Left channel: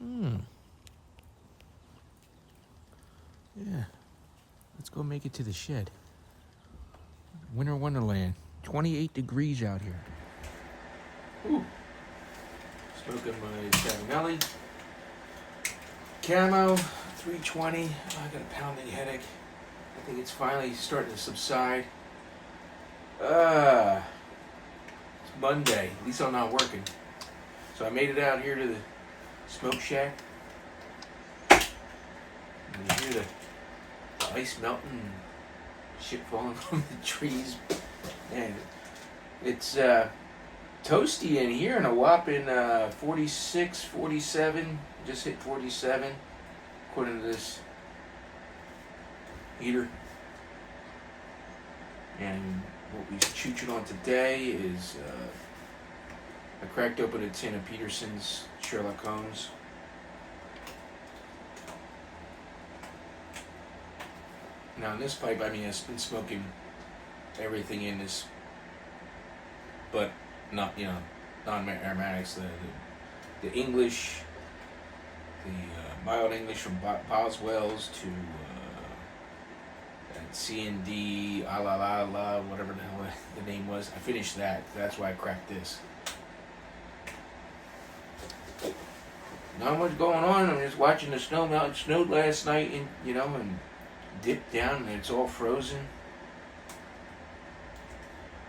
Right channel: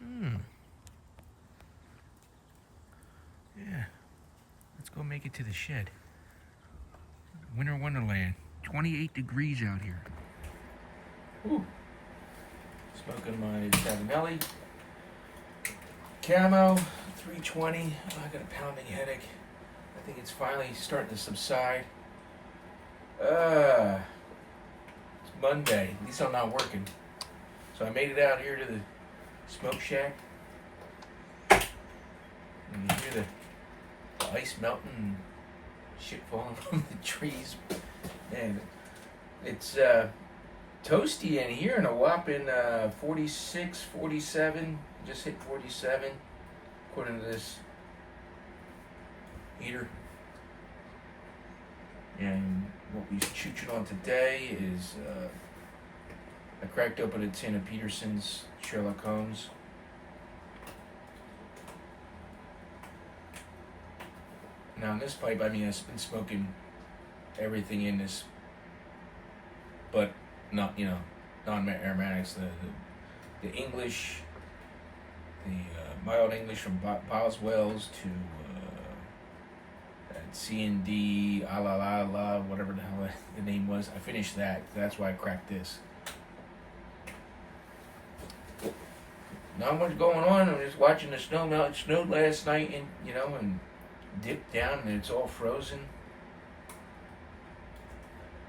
Hmm. Yeah. Let's go make it to the shed. Winter Wonderland. 28 degrees out here. Ooh. Smoking my Savinelli. Camo, 320. I got a pounding headache. I think it's finally starting to subside. It's Monday. At least I'm not working. So I made it out here to the smoke shack. And you hear the ice melting and shit falling from the trees. And it's toasty in here, and a whopping 46, 47. Just hit 47, according to this heater. And what we're chooching on today is I cracked open a tin of Peterson's Sherlock Holmes. Now in this pipe, I mean, I've been smoking everything in this, but not, non-aromatics, the English, the mild English from Boswell's to C&D, whatever the hell the name was. I finished that. That's why I cracked this. Not much going on. I'm just watching the snow melt. It snowed last night, and dipped down, and it's all frozen.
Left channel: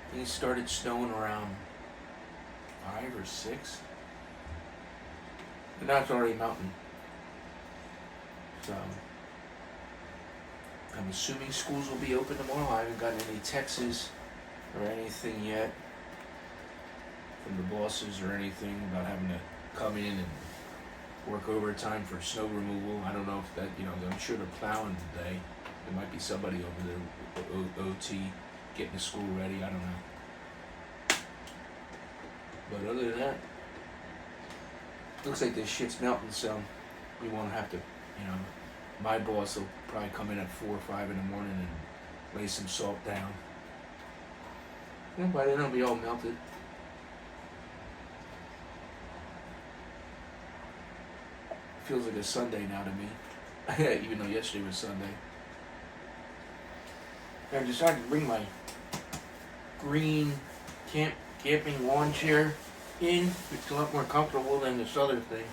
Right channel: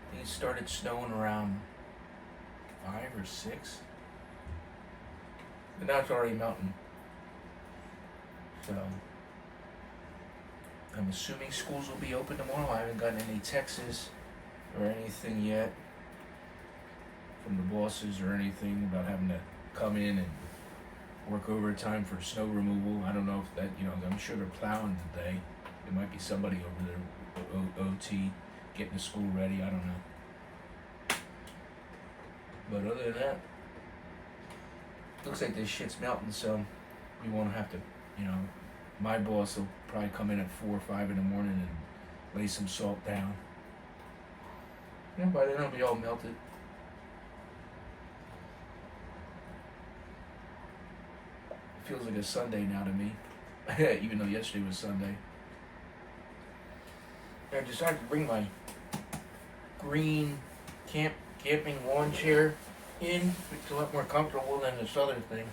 I think it started snowing around 5 or 6. But now it's already melting. So I'm assuming schools will be open tomorrow. I haven't gotten any texts or anything yet from the bosses or anything about having to come in and work overtime for snow removal. I don't know if that, I'm sure they're plowing today. There might be somebody over there, OT, getting the school ready. I don't know. But other than that, looks like this shit's melting, so we won't have to, my boss will probably come in at 4 or 5 in the morning and lay some salt down. By then it'll be all melted. It feels like a Sunday now to me, even though yesterday was Sunday. I decided to bring my green camping lawn chair in. It's a lot more comfortable than this other thing.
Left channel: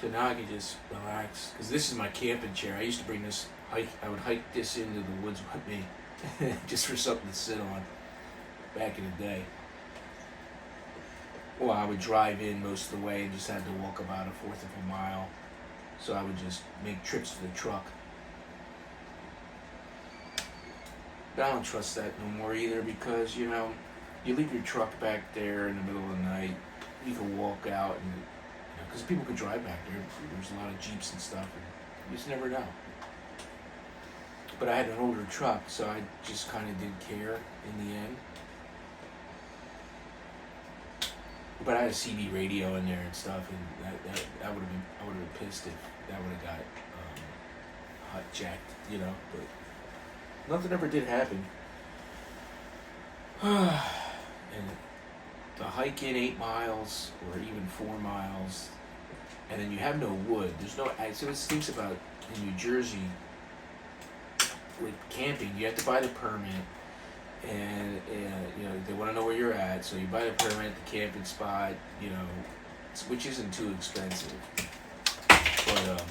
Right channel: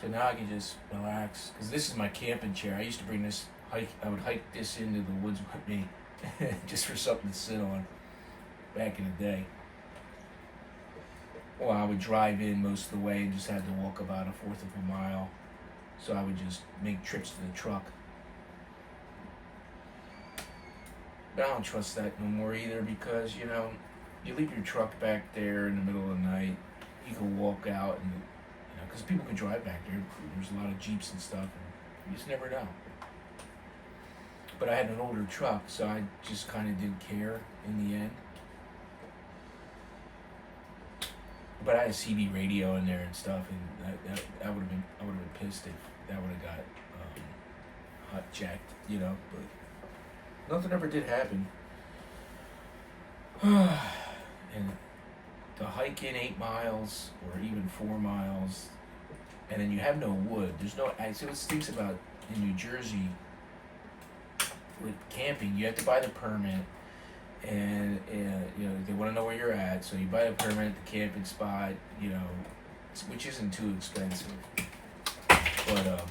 So now I can just relax. Because this is my camping chair. I used to bring this I would hike this into the woods with me just for something to sit on back in the day. Well, I would drive in most of the way and just had to walk about 1/4 of a mile. So I would just make trips to the truck. But I don't trust that no more either, because, you leave your truck back there in the middle of the night. You can walk out and, because people can drive back there. There's a lot of Jeeps and stuff, and you just never know. But I had an older truck, so I just kind of didn't care in the end. But I had a CB radio in there and stuff, and I would have been pissed if that would have got hot jacked, But nothing ever did happen. And to hike in 8 miles or even 4 miles, and then you have no wood. There's no. So it stinks about in New Jersey with camping. You have to buy the permit, and they want to know where you're at. So you buy the permit, the camping spot, which isn't too expensive. But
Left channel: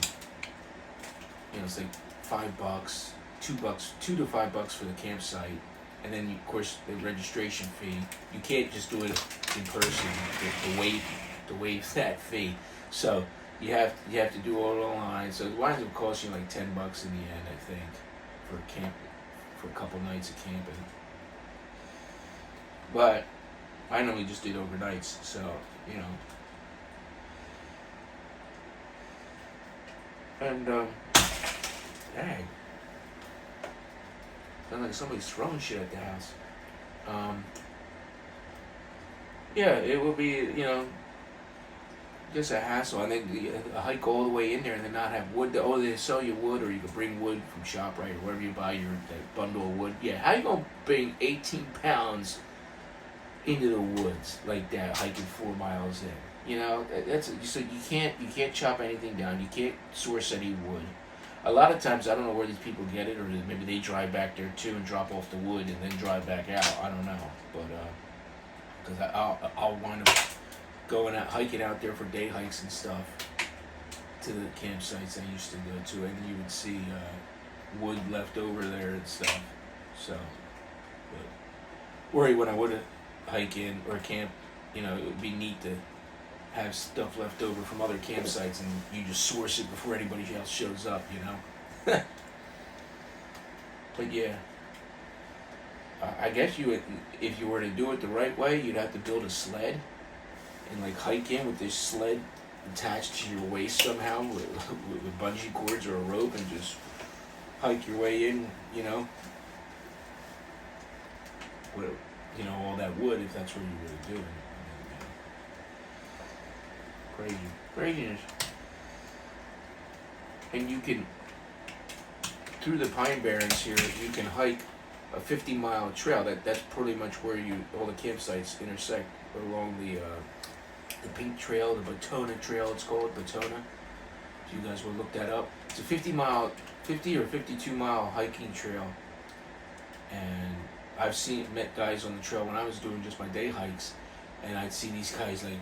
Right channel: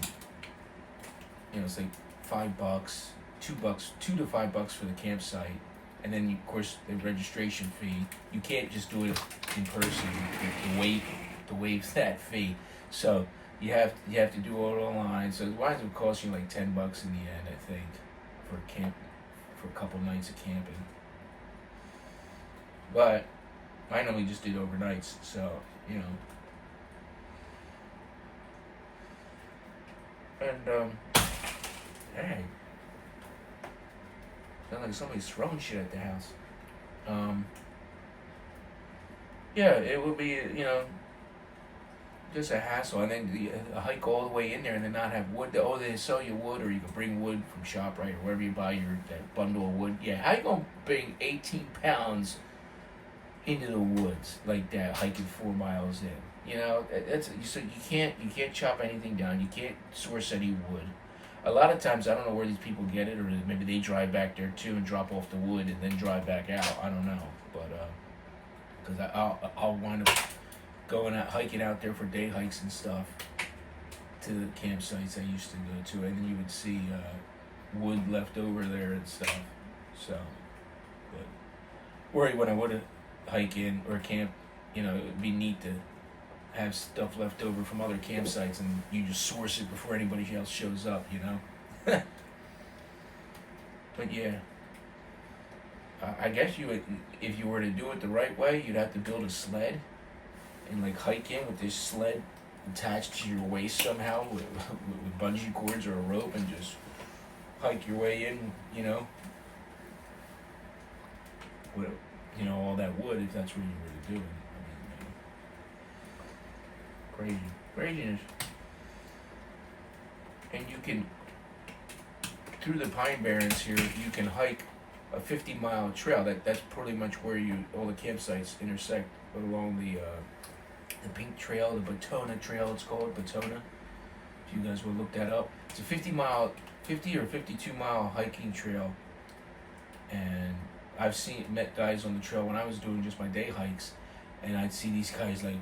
it's like $5, $2 to $5 for the campsite. And then, of course, the registration fee. You can't just do it in person to waive that fee. So you have to do it online. So it winds up costing you like $10 in the end, I think, for a couple nights of camping. But I normally just did overnights, so And hey. Sounds like somebody's throwing shit at the house. Yeah, it will be, just a hassle. And then a hike all the way in there and then not have wood. They sell you wood, or you can bring wood from ShopRite or wherever you buy that bundle of wood. Yeah, how you gonna bring 18 pounds into the woods like that, hiking 4 miles in? You know, that's so you can't chop anything down. You can't source any wood. A lot of times, I don't know where these people get it, or maybe they drive back there too and drop off the wood and then drive back out. I don't know, but because I'll wind up going out hiking out there for day hikes and stuff to the campsites I used to go to, and you would see wood left over there and stuff. So, but or when I would hike in or camp, you know, it would be neat to have stuff left over from other campsites, and you just source it before anybody else shows up, you know. But yeah, I guess you would, if you were to do it the right way, you'd have to build a sled and like hike in with this sled attached to your waist somehow with bungee cords or a rope, and just hike your way in, you know, with, you know, all that wood, if that's what you were doing. Craziness. And you can, through the Pine Barrens here, you can hike a 50-mile trail. That's pretty much where all the campsites intersect along the Pink Trail, the Batona Trail. It's called Batona. If you guys will look that up, it's a 50 or 52-mile hiking trail. And I've met guys on the trail when I was doing just my day hikes, and I'd see these guys like,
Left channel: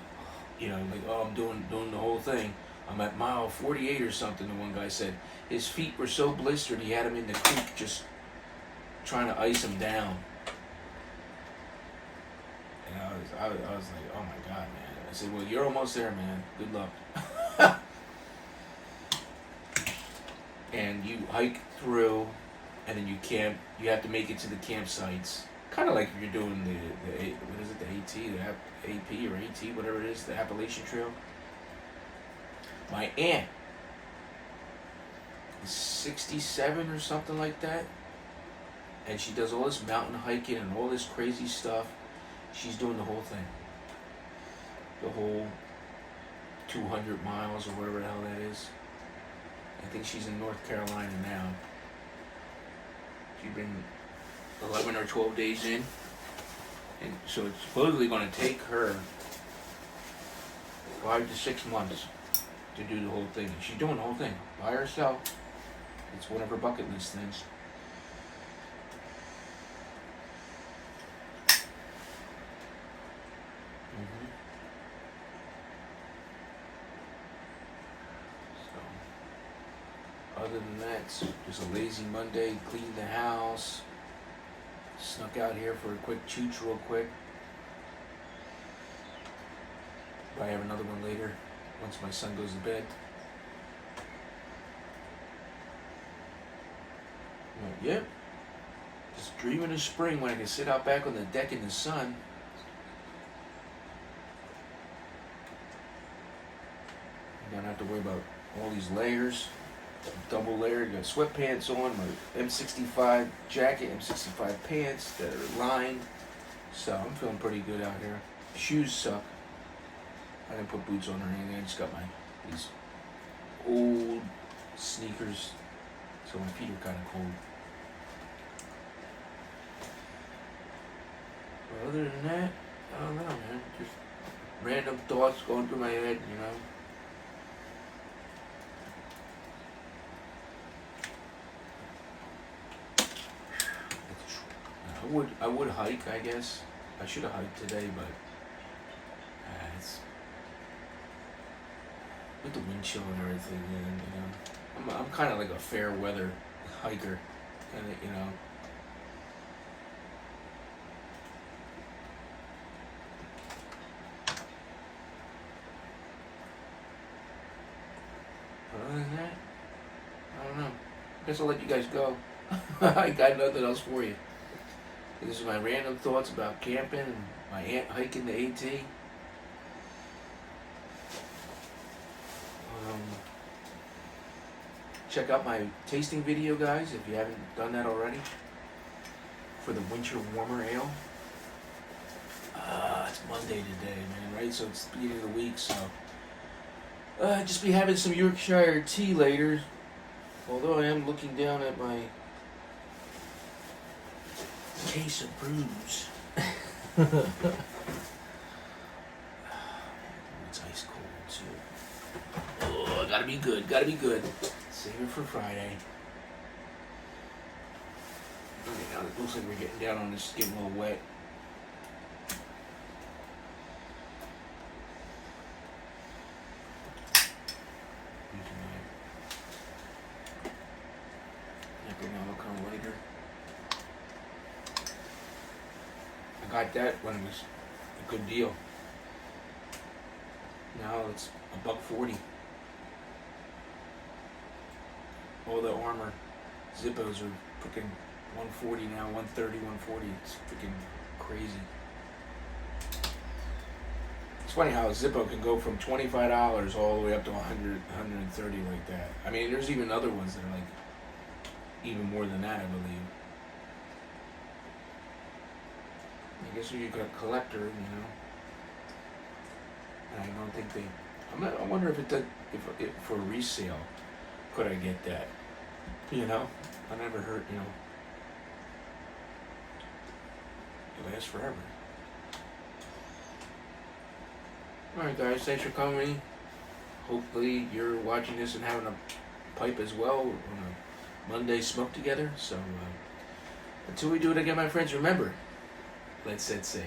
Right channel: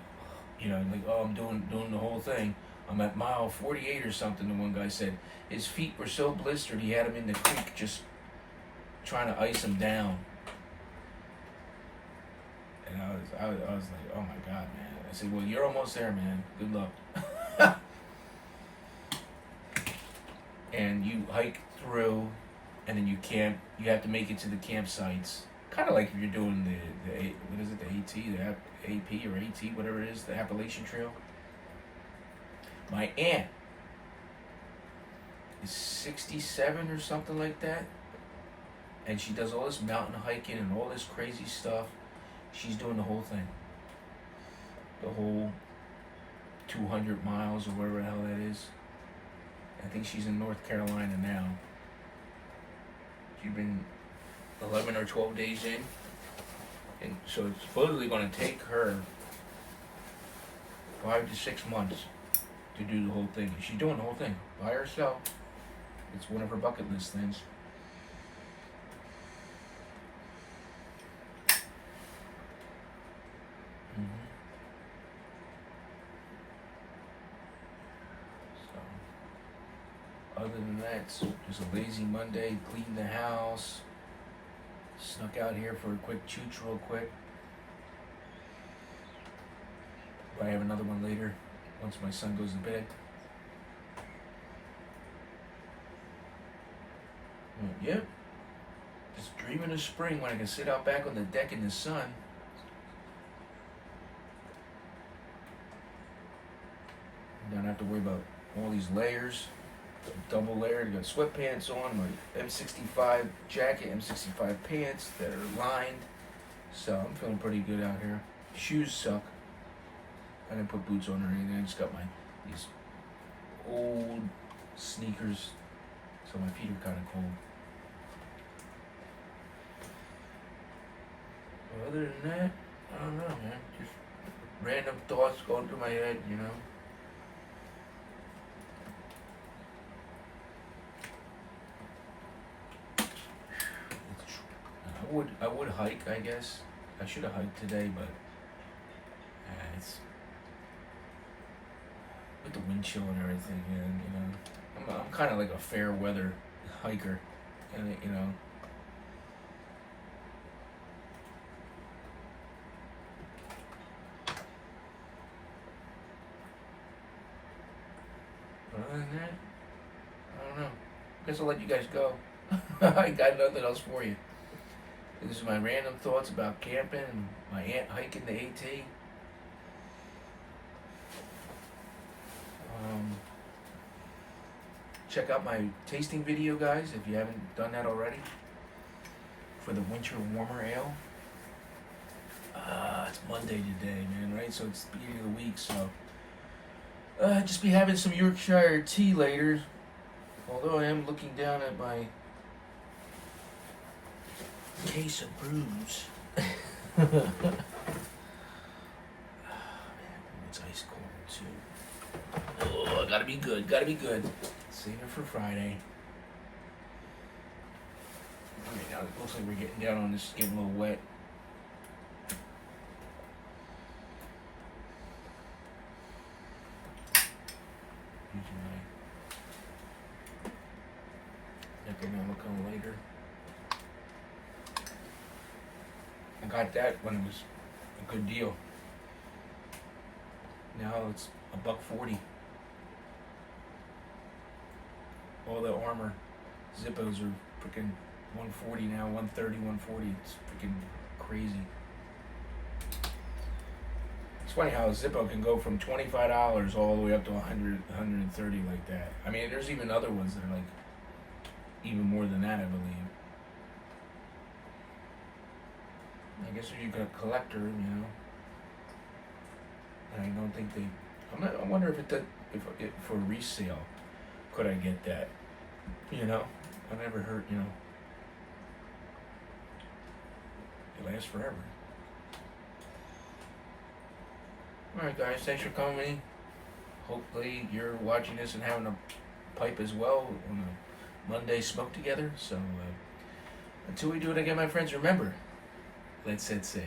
you know, like, oh, I'm doing the whole thing. I'm at mile 48 or something. The one guy said his feet were so blistered he had him in the creek just trying to ice him down. And I was like, oh my God, man. I said, well, you're almost there, man. Good luck. And you hike through, and then you camp. You have to make it to the campsites. Kind of like you're doing the what is it, the AT, the AP or AT, whatever it is, the Appalachian Trail. My aunt is 67 or something like that, and she does all this mountain hiking and all this crazy stuff. She's doing the whole thing, the whole 200 miles or whatever the hell that is. I think she's in North Carolina now. She's been 11 or 12 days in, and so it's supposedly going to take her 5 to 6 months to do the whole thing. And she's doing the whole thing by herself. It's one of her bucket list things. So, other than that, it's just a lazy Monday. Cleaned the house. Snuck out here for a quick chooch real quick. Probably have another one later once my son goes to bed. Yep. Just dreaming of spring when I can sit out back on the deck in the sun. I don't have to worry about all these layers. Double layered, got sweatpants on, my M65 jacket, M65 pants that are lined. So I'm feeling pretty good out here. Shoes suck. I didn't put boots on or anything. I just got these old sneakers, so my feet are kind of cold. But other than that, I don't know, man. Just random thoughts going through my head, you know. I would hike, I guess. I should have hiked today, but it's with the wind chill and everything, man. You know, I'm kind of like a fair weather hiker, and you know. But other than that, I don't know. I guess I'll let you guys go. I got nothing else for you. This is my random thoughts about camping and my aunt hiking the AT. Check out my tasting video, guys, if you haven't done that already, for the winter warmer ale. It's Monday today, man, right? So it's the beginning of the week, so just be having some Yorkshire tea later. Although I am looking down at my case of brews. Let's ice gotta be good. Gotta be good. Save it for Friday. Alright, now it looks like we're getting down on this, getting a little wet. Economical later. I got that when it was a good deal. Now it's $1.40. All the armor Zippos are freaking 140 now, 130, 140. It's freaking crazy. It's funny how a Zippo can go from $25 all the way up to 100, 130 like that. I mean, there's even other ones that are like even more than that, I believe. I guess if you're a collector, you know. I don't think they. I wonder if if for resale, could I get that? You know, I never heard. You know, it lasts forever. All right, guys, thanks for coming. Hopefully, you're watching this and having a pipe as well on a Monday smoke together. So, until we do it again, my friends, remember, let's set sail.